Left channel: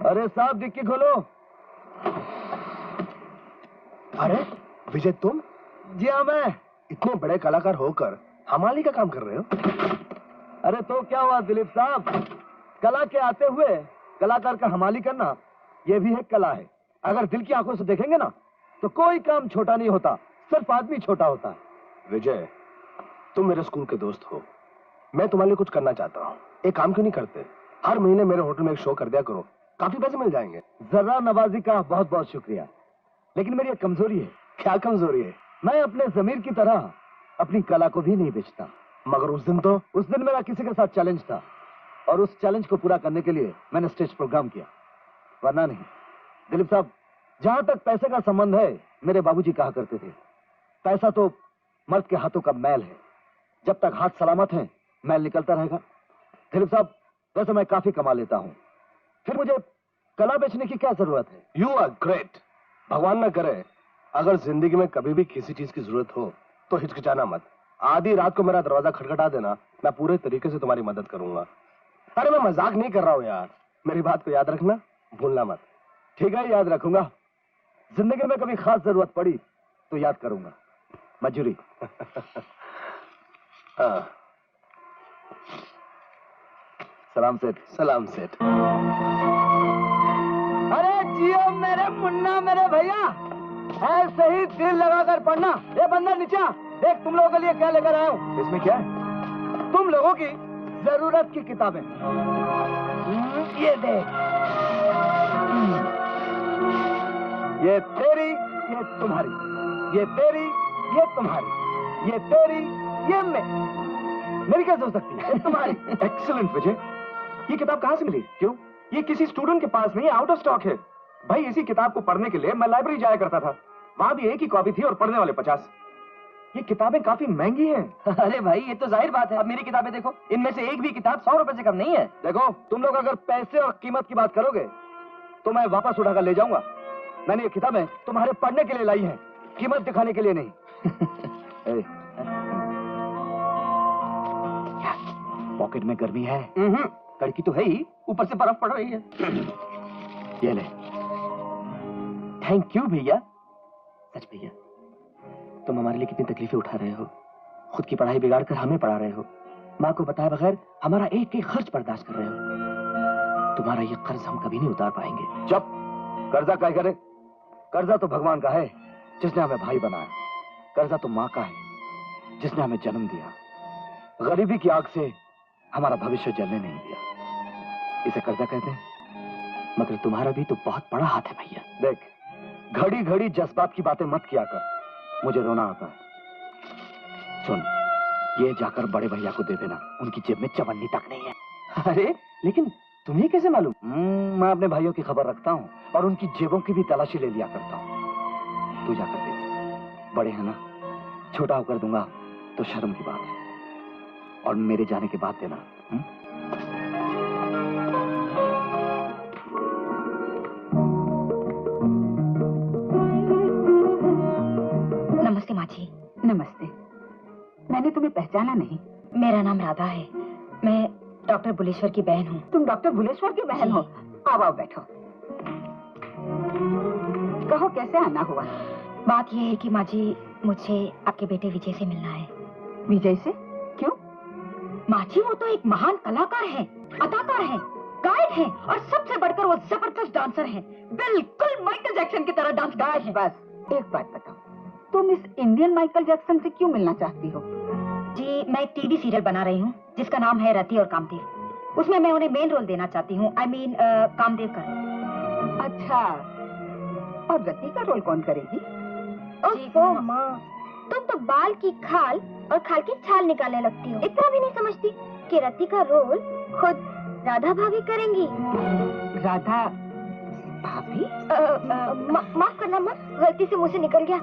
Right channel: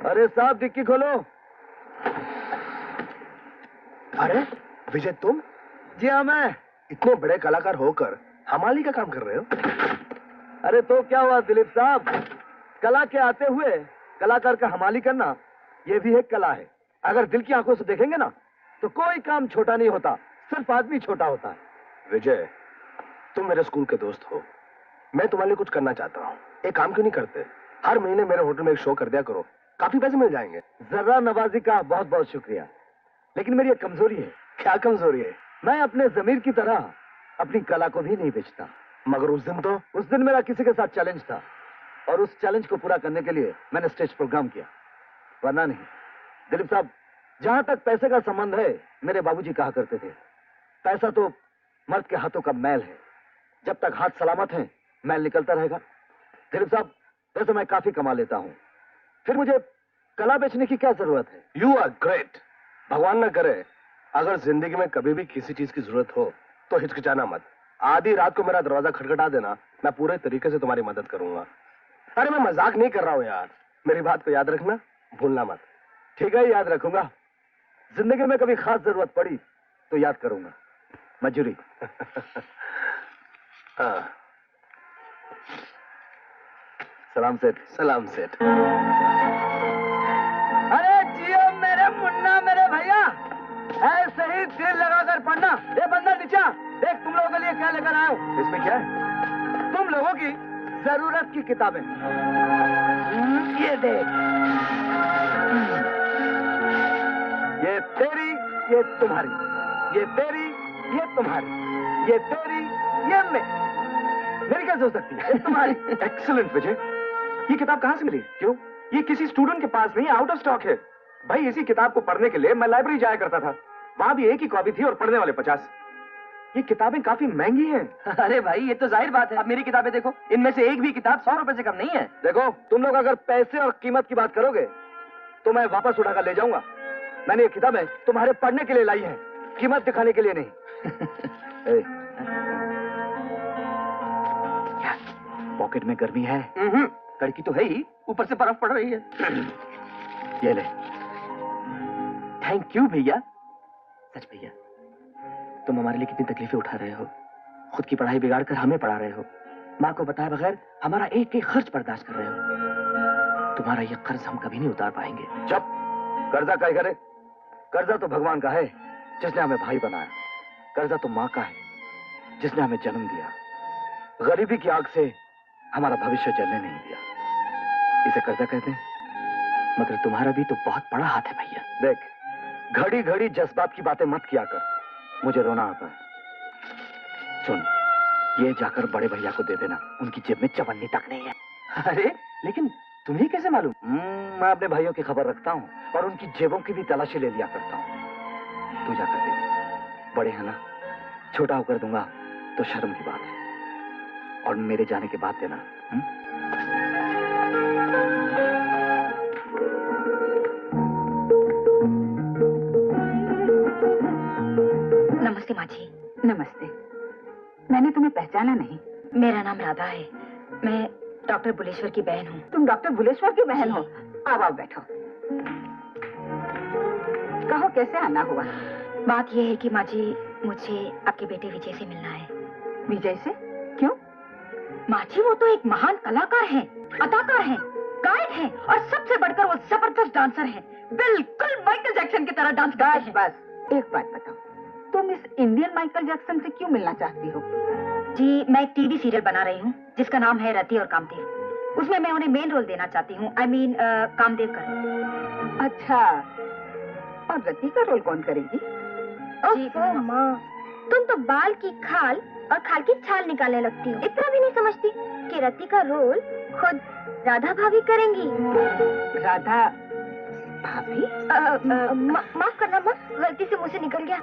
अरे साहब डिक्की खोलो। अरे विजय तुम? जी हाँ मैं। इतने बड़े कलाकार होकर हमाली का काम कर रहे हो? अरे तो क्या हुआ दिलीप साहब, कला के आते हुए कलाकार का हमाली करना यह भी एक कला है। अगर दिल की आंखों से देखेंगे ना तो कोई काम छोटा नहीं होता, सिर्फ आदमी छोटा होता है। विजय तुम मेरे स्कूल के दोस्त हो, मैं तुम्हारे लिए कुछ करना चाहता हूँ। एक काम क्यों नहीं करते, हर महीने मेरे होटल में एक शो कर दिया करो, काफी पैसे मिल जाएंगे। जर्रा नवाजी का बहुत बहुत शुक्रिया, लेकिन मेरी एक कमजोरी है। क्या कमजोरी है? मैं अपने जमीर की तरह अपनी कला को भी नहीं बेचता। मगर उस दिन मेरा किसी के साथ चैलेंज था और उस चैलेंज को पूरा करने के लिए मैंने स्टेज प्रोग्राम किया, वरना नहीं। दिलीप साहब, जहां तक पैसे का संबंध है, मेरे बाबूजी कहा करते थे पैसा तो मर्द के हाथों का मैल है, जब तक हाथ सलामत हैं मैल निकलता रहेगा। दिलीप साहब, वैसे मैं काफी कमा लेता हूं, फिर मुझे कला बेचने की क्या जरूरत है? You are great. भगवान ना करे अगर जिंदगी में कभी भी किसी चीज की जरूरत हो तो हिचकिचाना मत। आधी रात को मेरा दरवाजा खटखटा देना, मैं पूरे तरीके से तुम्हारी मदद करूंगा। अरे मैं मजाक नहीं कर रहा हूं यार, मेरी बात को याद रखना, भूलना मत। ठीक है, याद रखूंगा। जिंदगी में कभी खास जरूरत पड़ी तो याद करूंगा। मंजूरी। हाँ। सलाम सेठ। सलाम सेठ। अरे जियो मेरे मुन्ना, मेरे भैया, ऐसे ही दिल लगाकर पढ़ना। ये बंदा नीचा देख, तुम लोगों के लिए क्या लेकर आया हूँ। इसमें क्या है? तुम लोगों की जरूरत की किताबें। ये देख, ये तेरी, ये तुम्हारी, ये तेरी, ये तुम्हारी, ये तेरी, ये मेरी कैसे हो सकती है? तुम्हारी। एक्सीलेंट विजय, ये किताब कहां से मिली? क्यों? ये किसी स्टूडेंट के पास नहीं, आउट ऑफ स्टॉक है। भाई इसी किताब को पढ़ने के लिए मैं लाइब्रेरी जाया करता था, वहां भी एक ही कॉपी थी और पढ़ने वाले 50। ये किताबें काफी महंगी हैं। अरे भाई ये तो जाहिर बात है, अब मेरी किताबें देखो, इनमें से एक भी किताब 100 रुपए से कम नहीं है। देखो, तुम लोग अगर पैसे और कीमत की बात करोगे तो मैं वापस उठाकर ले जाऊंगा। मैंने ये किताबें तुम्हारे पढ़ने के लिए लाई हैं, कीमत दिखाने के लिए नहीं। क्या पॉकेट में गर्मी है? कड़की तो है ही, ऊपर से बर्फ पड़ रही है। ये ले। थैंक यू भैया। सच भैया, तुम हमारे लिए कितनी तकलीफें उठा रहे हो, खुद की पढ़ाई बिगाड़ कर हमें पढ़ा रहे हो, माँ को बताए बगैर हमारा एक एक खर्च बर्दाश्त कर रहे हो। तुम्हारा ये कर्ज हम कभी नहीं उतार पाएंगे। जब कर्जा क्या करे? कर्जा तो भगवान का है जिसने हमें भाई बनाया, कर्जा तो माँ का है जिसने हमें जन्म दिया, गरीबी की आग से हमारा भविष्य जलने नहीं दिया। इसे कर्जा कहते हैं। मगर तुम्हारा भी तो बहुत बड़ा हाथ है भैया। देख, घड़ी घड़ी जज्बात की बातें मत किया कर, मुझे रोना आता है। सुन, ये जाकर बड़े भैया को दे देना, उनकी जेब में चवन्नी तक नहीं है। अरे लेकिन तुम्हें कैसे मालूम? मैं अपने भाइयों की खबर रखता हूँ और उनकी जेबों की भी तलाशी ले लिया करता हूँ। तू जाकर दे दे, बड़े हैं ना, छोटा होकर दूंगा तो शर्म की बात है। और मेरे जाने के बाद देना। नमस्ते माँ जी। नमस्ते। मैंने तुम्हें पहचाना नहीं। मेरा नाम राधा है, मैं डॉक्टर बुलेश्वर की बहन हूँ। तुम डॉक्टर बुलेश्वर की बहन हो? आओ आओ बैठो। कहो कैसे आना हुआ? बात यह है कि माँ जी, मुझे आपके बेटे विजय से मिलना है। विजय से? क्यों? माँ जी, वो तो एक महान कलाकार हैं, अदाकार हैं, गायक हैं और सबसे बढ़कर वो जबरदस्त डांसर हैं। बिल्कुल माइकल जैक्सन की तरह डांस करते हैं। बस एक बात बताओ, तुम इस इंडियन माइकल जैक्सन से क्यों मिलना चाहती हो? जी, मैं एक टीवी सीरियल बना रही हूँ जिसका नाम है रति और कामदेव। उसमें मैं उन्हें मेन रोल देना चाहती हूँ। I mean, कामदेव का। अच्छा, और रति का रोल कौन करेगी? ओह माँ, तुम तो बाल की खाल और खाल की छाल निकालने लगती हो। इतना भी नहीं समझती कि रति का रोल खुद राधा भाभी करेंगी। राधा भाभी? माफ करना माँ, गलती से मुंह से निकल गया।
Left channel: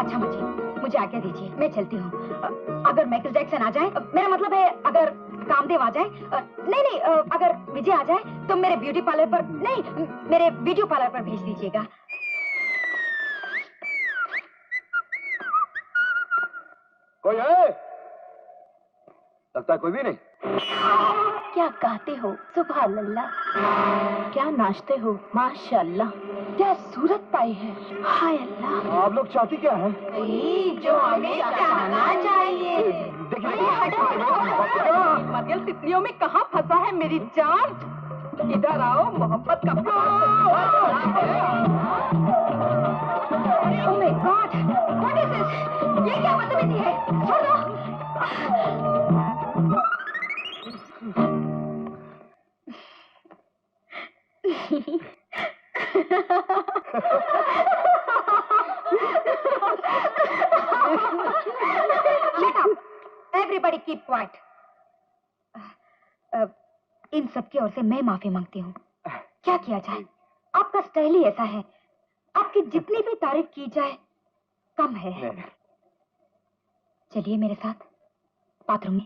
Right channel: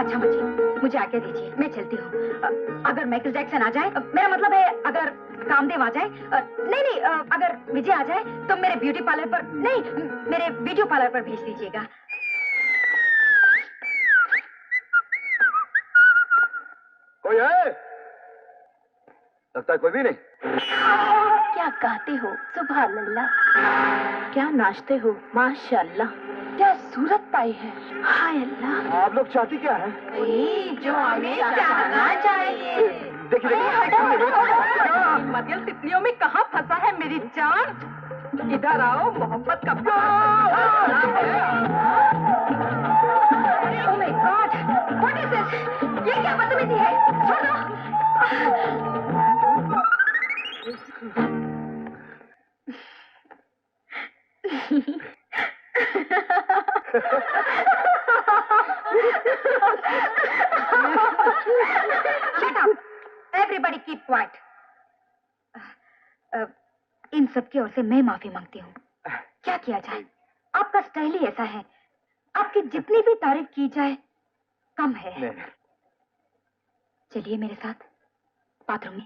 अच्छा माँ जी, मुझे आज्ञा दीजिए, मैं चलती हूँ। अगर माइकल जैक्सन आ जाए, मेरा मतलब है अगर कामदेव आ जाए, नहीं, अगर विजय आ जाए तो मेरे ब्यूटी पार्लर पर नहीं, मेरे वीडियो पार्लर पर भेज दीजिएगा। कोई है? लगता है कोई भी नहीं। क्या गाते हो, सुभान अल्लाह। क्या नाचते हो, माशाअल्लाह। क्या सूरत पाई है, हाय अल्लाह। आप लोग चाहती क्या है? जो हमें चाहना चाहिए। देखिए मदियल तितलियों में कहाँ फंसा है मेरी जान? इधर आओ, मोहब्बत का Oh my God! What is this? ये क्या बदतमीजी है? छोड़ दो। Shut up! Everybody keep quiet. इन सब की ओर से मैं माफी मांगती हूँ। क्या किया जाए? आपका स्टाइल ही ऐसा है। आपकी जितनी भी तारीफ की जाए कम है। चलिए मेरे साथ बाथरूम में।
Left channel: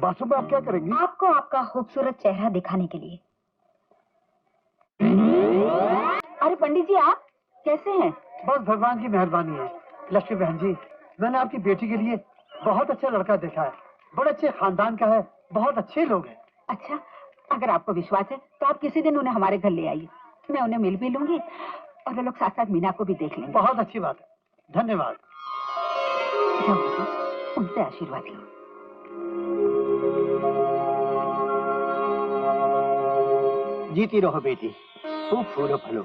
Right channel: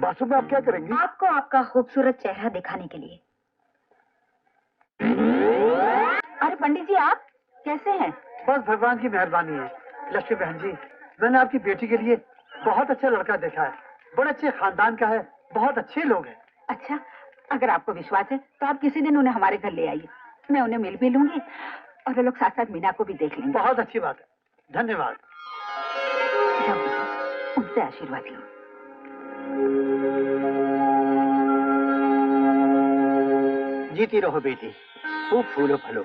बाथरूम में आप क्या करेंगी? आपको आपका खूबसूरत चेहरा दिखाने के लिए। अरे पंडित जी, आप कैसे हैं? बस भगवान की मेहरबानी है। लक्ष्मी बहन जी, मैंने आपकी बेटी के लिए बहुत अच्छा लड़का देखा है। बड़े अच्छे खानदान का है, बहुत अच्छे लोग हैं। अच्छा, अगर आपको विश्वास है तो आप किसी दिन उन्हें हमारे घर ले आइए। मैं उन्हें मिल भी लूंगी और वो लोग साथ साथ मीना को भी देख लेंगे। बहुत अच्छी बात है, धन्यवाद। जाओ बेटी, उनसे आशीर्वाद लो। जीती रहो बेटी, खूब फूलो फलो।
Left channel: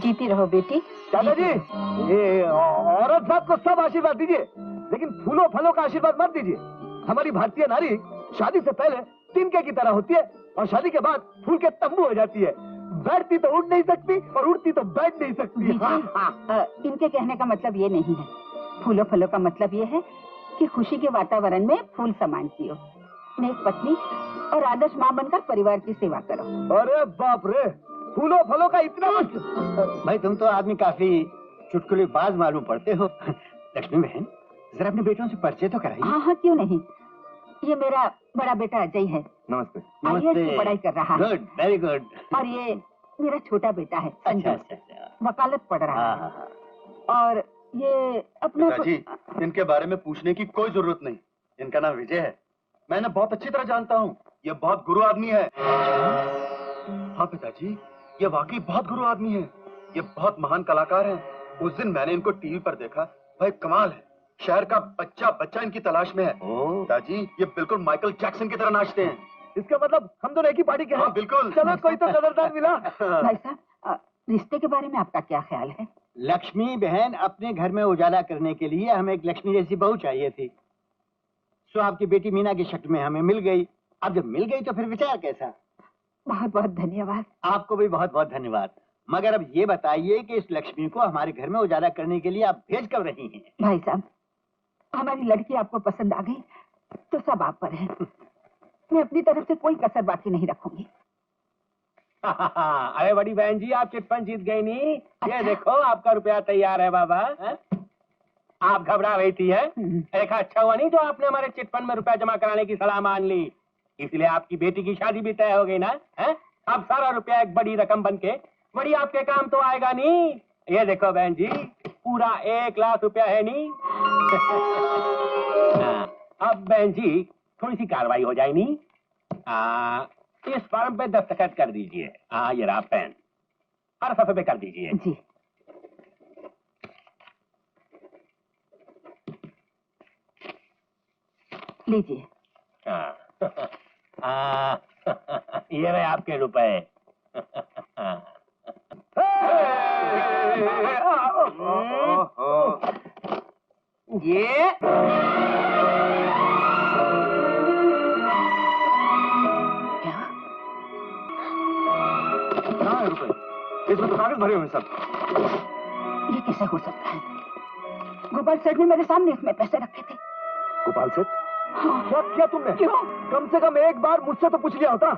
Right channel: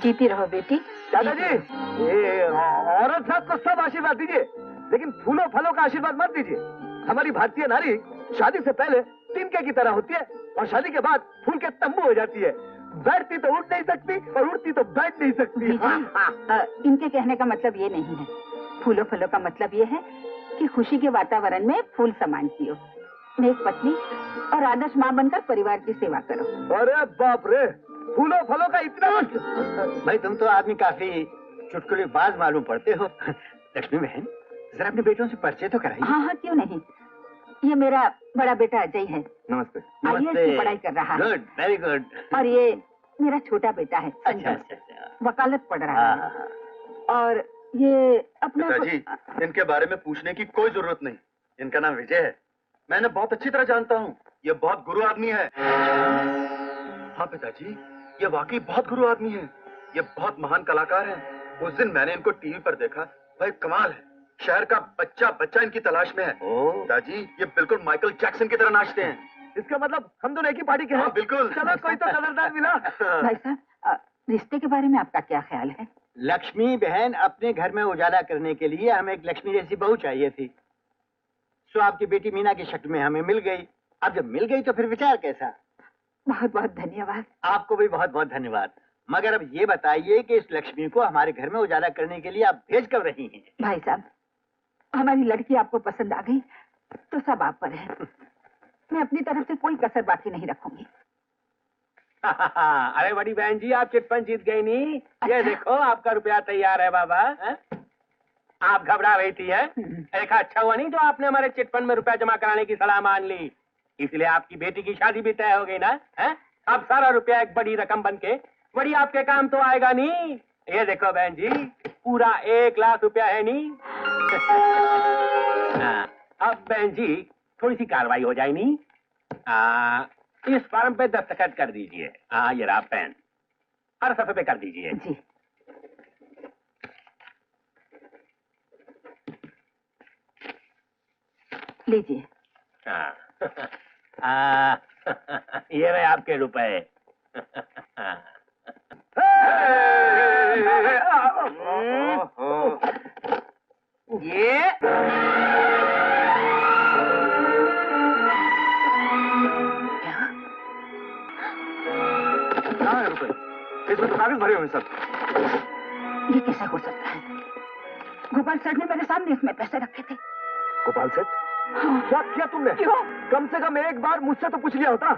जीती रहो बेटी। दादाजी, ये औरत साहब को सब आशीर्वाद दीजिए, लेकिन फूलों फलों का आशीर्वाद मत दीजिए। हमारी भारतीय नारी शादी से पहले तिनके की तरह होती है और शादी के बाद फूल के तंबू हो जाती है। बैठती तो उड़ नहीं सकती और उड़ती तो बैठ नहीं सकती। जी, इनके कहने का मतलब ये नहीं है। फूलों फलों का मतलब ये है कि खुशी के वातावरण में फूल समान जियो, नेक पत्नी और आदर्श माँ बनकर परिवार की सेवा करो। अरे बाप रे, फूलों फलों का इतना मतलब। भाई तुम तो आदमी काफी चुटकुलेबाज मालूम पड़ते हो। लक्ष्मी बहन, जरा अपने बेटों से परिचय तो कराइए। हाँ हाँ, क्यों नहीं। ये मेरा बड़ा बेटा अजय है, नमस्ते। IAS की पढ़ाई कर रहा है। Good, very good. और ये मेरा छोटा बेटा है अच्छा संजय, अच्छा अच्छा। वकालत पढ़ रहा है। हाँ। और ये अपना पिताजी, इनके बारे में पूछने की कोई जरूरत नहीं। इनका नाम विजय है, मैंने बहुत अच्छी तरह जानता हूँ। ये बहुत गुरु आदमी है। हाँ पिताजी, ये वाकई बहुत गुरु आदमी है। ये बहुत महान कलाकार हैं। उस दिन मैंने इनको टीवी पर देखा, भाई कमाल है। शहर का बच्चा बच्चा इनकी तलाश में है। पिताजी, ये बिल्कुल माइकल जैक्सन की तरह नाचते हैं। इसका मतलब हम दोनों एक ही पार्टी के हैं। हाँ बिल्कुल। चलो, कोई तो कदरदान मिला। भाई साहब, रिश्ते के बारे में आपका क्या ख्याल है? लक्ष्मी बहन, अपने घर में उजाला करने के लिए हमें एक लक्ष्मी जैसी बहू चाहिए थी। सो आपकी बेटी मीना की शक्ल में हमें मिल गई। अब जब मिल गई तो फिर विचार कैसा? बहुत बहुत धन्यवाद। आपको भी बहुत बहुत धन्यवाद। मगर अब ये बताइए कि इस लक्ष्मी को हमारे घर में उजाला करने के लिए आप भेज कब रही हैं? भाई साहब, हमारी लड़की आपको पसंद आ गई तो सब आप पर है। मैं अपनी तरफ से कोई कसर बाकी नहीं रखूंगी। अरे बड़ी बहन जी, आप चिटफंड जीत गई नी। ये देखो, आपका रुपया तैयार है बाबा। आप घबरा रही थी है? देखा, अच्छा हुआ नहीं जो आपने हमारे चिटफंड में रुपया जमा कराने की सलाह मान ली। इसलिए आपकी बेटी की शादी भी तय हो गई ना। है? अब सारा रुपया एक बड़ी रकम बनके बड़ी आपके काम तो आएगा नहीं। ये देखो बहन जी, पूरा 1 लाख रुपया है नी। अब बहन जी थोड़ी सी कार्रवाई हो जाए नी। इस फॉर्म पे दस्तखत कर दीजिए। हाँ, ये रहा पेन, हर सफे पे कर दीजिए। जी। लीजिए। ये रहे आपके रुपए। ये कहाँ है रुपए? इसमें तो कागज भरे हुए हैं सब। ये कैसे हो सकता है? गोपाल सेठ ने मेरे सामने इसमें पैसे रखे थे। गोपाल सेठ, हाँ। क्या किया तुमने? क्यों? कम से कम एक बार मुझसे तो पूछ लिया होता।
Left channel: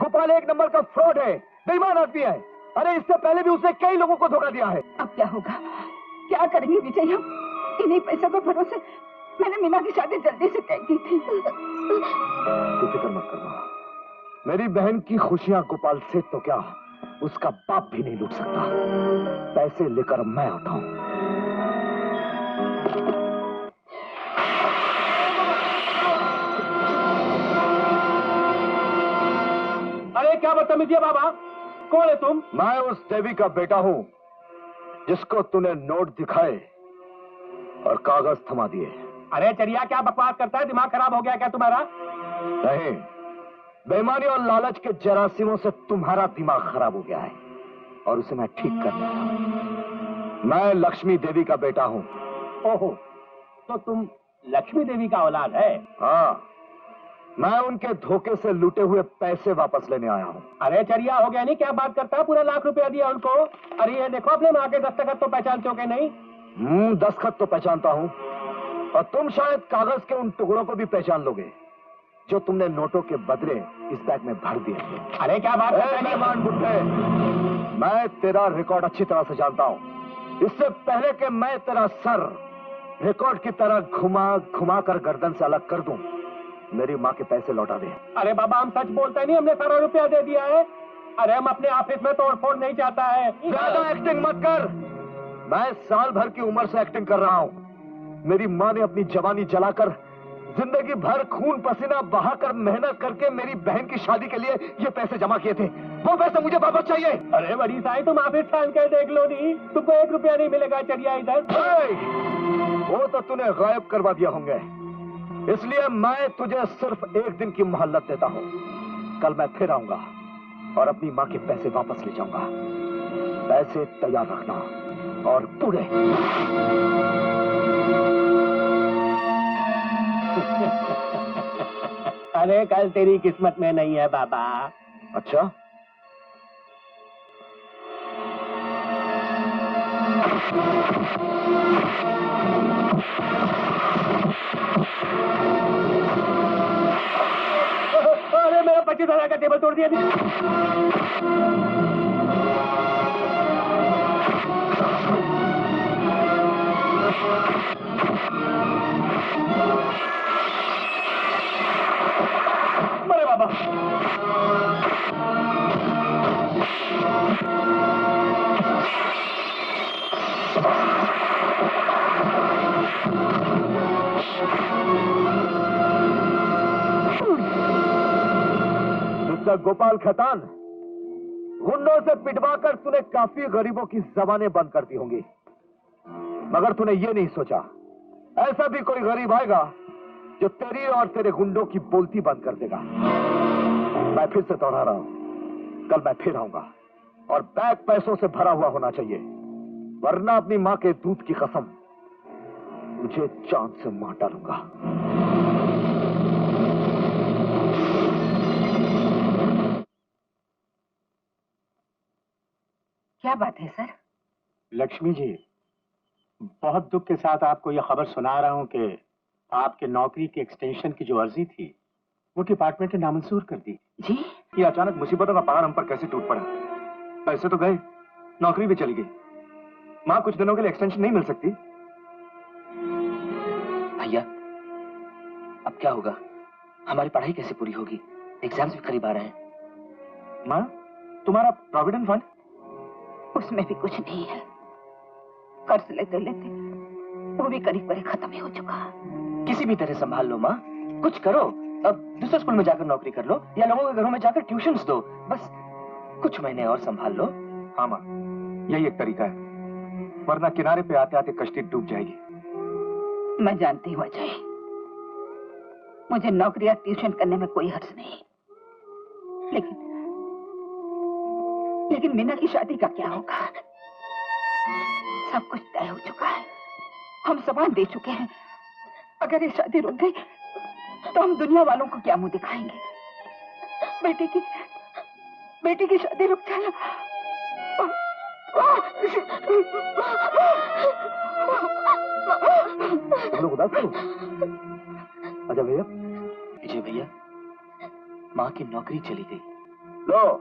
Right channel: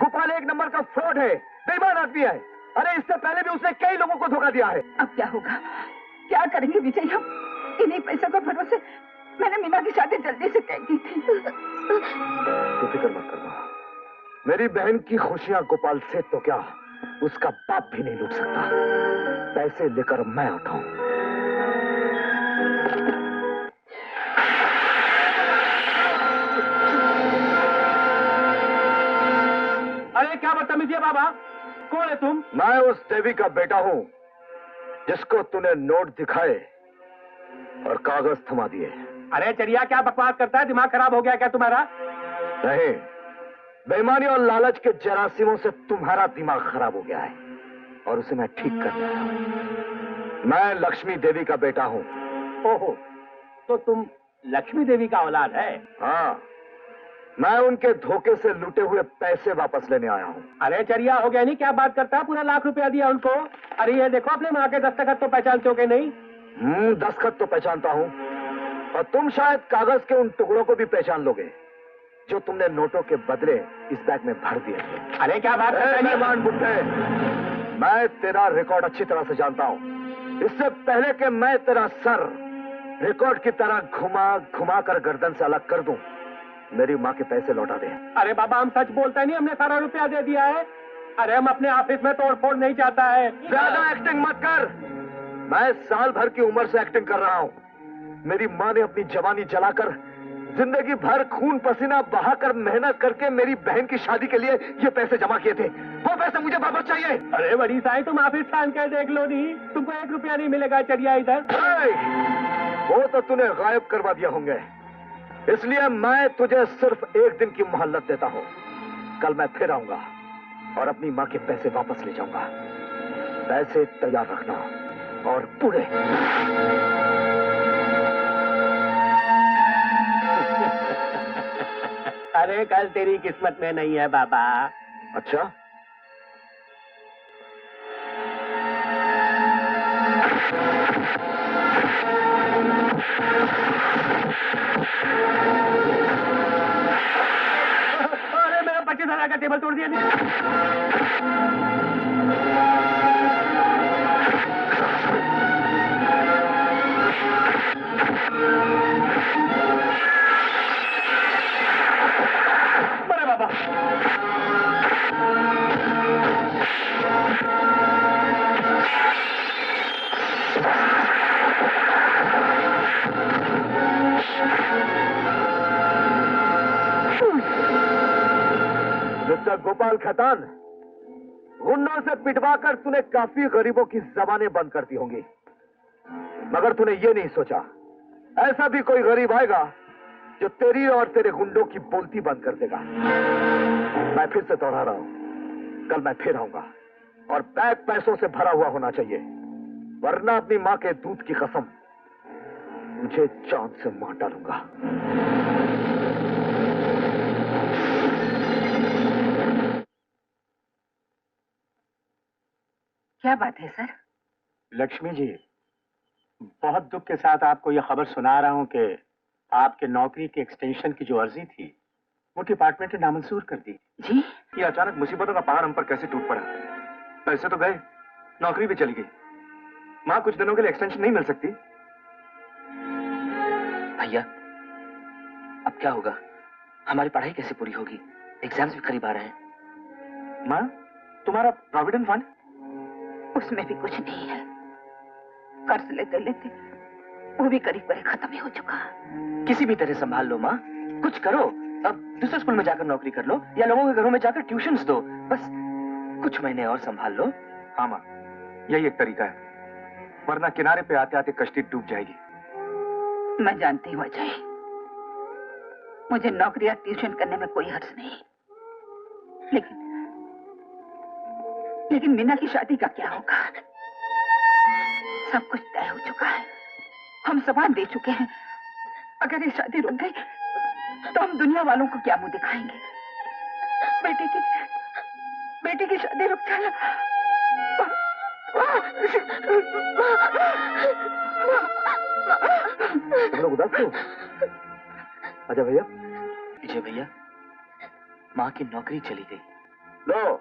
गोपाल एक नंबर का फ्रॉड है, बेईमान आदमी है। अरे इससे पहले भी उसने कई लोगों को धोखा दिया है। अब क्या होगा? क्या करेंगे विजय हम? इन्हीं पैसों के भरोसे मैंने मीना की शादी जल्दी से तय की थी। तो फिक्र मत करना, मेरी बहन की खुशियां गोपाल सेठ तो क्या, उसका बाप भी नहीं लूट सकता। पैसे लेकर मैं आता हूं। क्या बदतमीजी है बाबा? कौन है तुम? मैं उस देवी का बेटा हूं जिसको तूने नोट दिखाए और कागज थमा दिए। अरे चरिया, क्या बकवास करता है? दिमाग खराब हो गया क्या तुम्हारा? नहीं, बेईमानी और लालच के जरासीमों से तुम्हारा दिमाग खराब हो गया है और उसे मैं ठीक करने आया हूं। मैं लक्ष्मी देवी का बेटा हूं। ओहो, तो तुम लक्ष्मी देवी का औलाद है? हाँ, मैं उनके धोखे से लूटे हुए पैसे वापस लेने आया हूं। अरे चरिया, हो गया नहीं? क्या बात करता है? पूरा लाख रुपया दिया उनको। अरे ये देखो, अपने माँ के दस्तखत तो पहचानते हो कि नहीं? दस्तखत तो पहचानता हूं और तुम शायद कागज के उन टुकड़ों को भी पहचान लोगे जो तुमने नोटों के बदले इस बैग में भर दिए थे। अरे क्या बात करता है? मेहमान बुड्ढे, मैं तेरा रिकॉर्ड अच्छी तरह से जानता हूं। इससे पहले कि मैं तेरा सर रिकॉर्ड की तरह घुमा घुमा कर गर्दन से अलग कर दूं, मेरी माँ के पैसे लौटा दे। अरे बाबा, हम सच बोलते नहीं, हमने सारा रुपया दे दिया है। अरे हम अपने ऑफिस में तोड़फोड़ नहीं चाहता है। ज्यादा एक्टिंग मत कर। मैं साल भर की उम्र से एक्टिंग कर रहा हूं। मेरी माँ ने अपनी जवानी जलाकर, जिंदगी भर खून पसीना बहाकर मेहनत करके मेरी बहन की शादी के लिए ये पैसे जमा किए थे। वो पैसे मुझे वापस चाहिए। अरे बड़ी साईं, तुम ऑफिस छान के देख लो नहीं, तुमको 1 रुपया नहीं मिलेगा चरिया इधर। वो तो तूने गायब करवा दिया होंगे, इसलिए मैं तुझे सिर्फ 1 दिन की मोहलत देता हूं। कल मैं फिर आऊंगा और अपनी माँ के पैसे वापस ले जाऊंगा। पैसे तैयार रखना और पूरे। अरे कल तेरी किस्मत में नहीं है बाबा। अच्छा, अरे मेरा 25,000 का टेबल तोड़ दिया। अरे बाबा, मिस्टर गोपाल खैतान, गुंडों से पिटवाकर तूने काफी गरीबों की जबानें बंद कर दी होंगी, मगर तूने ये नहीं सोचा ऐसा भी कोई गरीब आएगा जो तेरी और तेरे गुंडों की बोलती बंद कर देगा। मैं फिर से दोहरा रहा हूं, कल मैं फिर आऊंगा और बैग पैसों से भरा हुआ होना चाहिए, वरना अपनी मां के दूध की कसम मुझे चांद से मार डालूंगा। क्या बात है सर? लक्ष्मी जी, बहुत दुख के साथ आपको यह खबर सुना रहा हूं कि आपके नौकरी के एक्सटेंशन की जो अर्जी थी वो डिपार्टमेंट ने नामंजूर कर दी। जी? ये अचानक मुसीबतों का पहाड़ हम पर कैसे टूट पड़ा। पैसे तो गए, नौकरी भी चली गई। माँ, कुछ दिनों के लिए एक्सटेंशन नहीं मिल सकती? भैया, अब क्या होगा? हमारी पढ़ाई कैसे पूरी होगी? एग्जाम्स भी करीब आ रहे हैं। माँ, तुम्हारा प्रोविडेंट फंड? उसमें भी कुछ नहीं है। कर्ज लेते लेते वो भी करीब करीब खत्म ही हो चुका। किसी भी तरह संभाल लो माँ, कुछ करो। अब दूसरे स्कूल में जाकर नौकरी कर लो या लोगों के घरों में जाकर ट्यूशन्स दो। बस कुछ महीने और संभाल लो। हाँ माँ, यही एक तरीका है, वरना किनारे पे आते आते कश्ती डूब जाएगी। मैं जानती हूँ अजय, मुझे नौकरी या ट्यूशन करने में कोई हर्ज नहीं, लेकिन मीना की शादी का क्या होगा? सब कुछ तय हो चुका है, हम सवाल दे चुके हैं। अगर ये शादी रुक गई तो हम दुनिया वालों को क्या मुंह दिखाएंगे? बेटी की शादी रुक जाए। तुम लोग उदास क्यों? अच्छा भैया। विजय भैया, माँ की नौकरी चली गई। लो,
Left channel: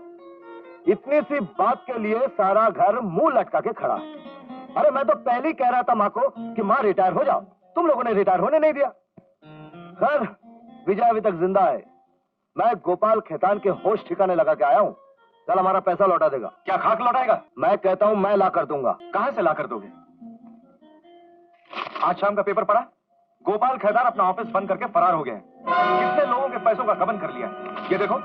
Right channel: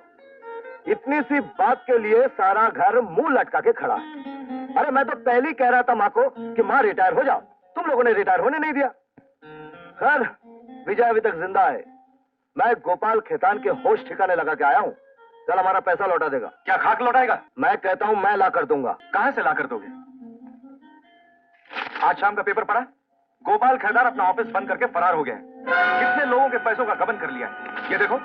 इतनी सी बात के लिए सारा घर मुंह लटका के खड़ा है। अरे मैं तो पहले ही कह रहा था माँ को कि माँ रिटायर हो जाओ, तुम लोगों ने रिटायर होने नहीं दिया। खैर, विजय अभी तक जिंदा है। मैं गोपाल खैतान के होश ठिकाने लगा के आया हूँ। कल हमारा पैसा लौटा देगा। क्या खाक लौटाएगा? मैं कहता हूँ मैं ला कर दूंगा। कहां से ला कर दोगे? आज शाम का पेपर पढ़ा? गोपाल खैतान अपना ऑफिस बंद करके फरार हो गए हैं। कितने लोगों के पैसों का गबन कर लिया है, ये देखो।